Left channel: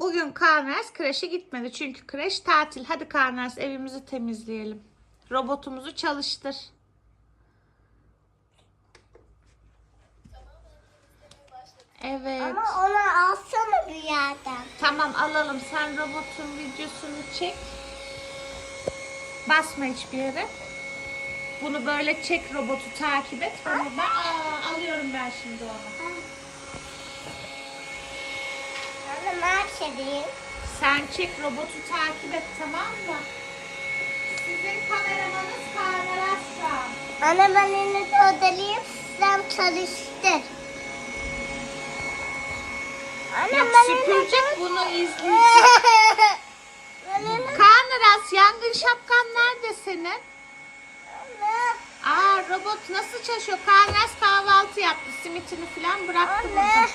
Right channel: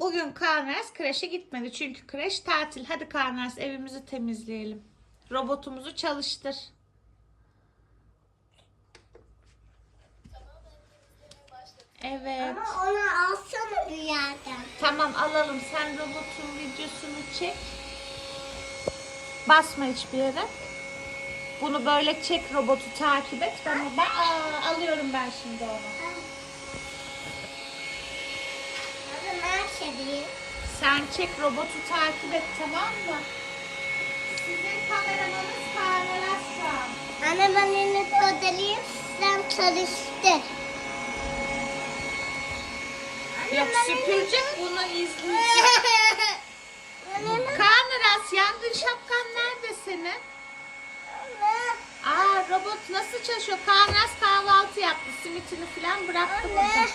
Bugün Karnes kreşe gitmedi çünkü kreş tatil. Hadi Karnes evimizi temizleyelim. Robotumuzu çalıştır. Evet. Ama onu alsana bir yerden. Tamam alalım. Sen robotun videosunu çek. Basma hiçbir yere. Bunu böyle çek robotu takip et. Ben Aa, alıyorum ben şimdi onu. Onu mahvedeyim. Sen çek robotu takip et tamam mı? Sizin kameramanız Kaan Araslan. Anne ben elini ödeleyim. Sen çalıştır. Anne Yok süpürecek bunu izleyecek. Aras yangın şapkan nerede senin? Aa robot nasıl çalışıyor? Kaan Aras kahvaltı yaptı. Simitini falan bıraktı burada. Anne.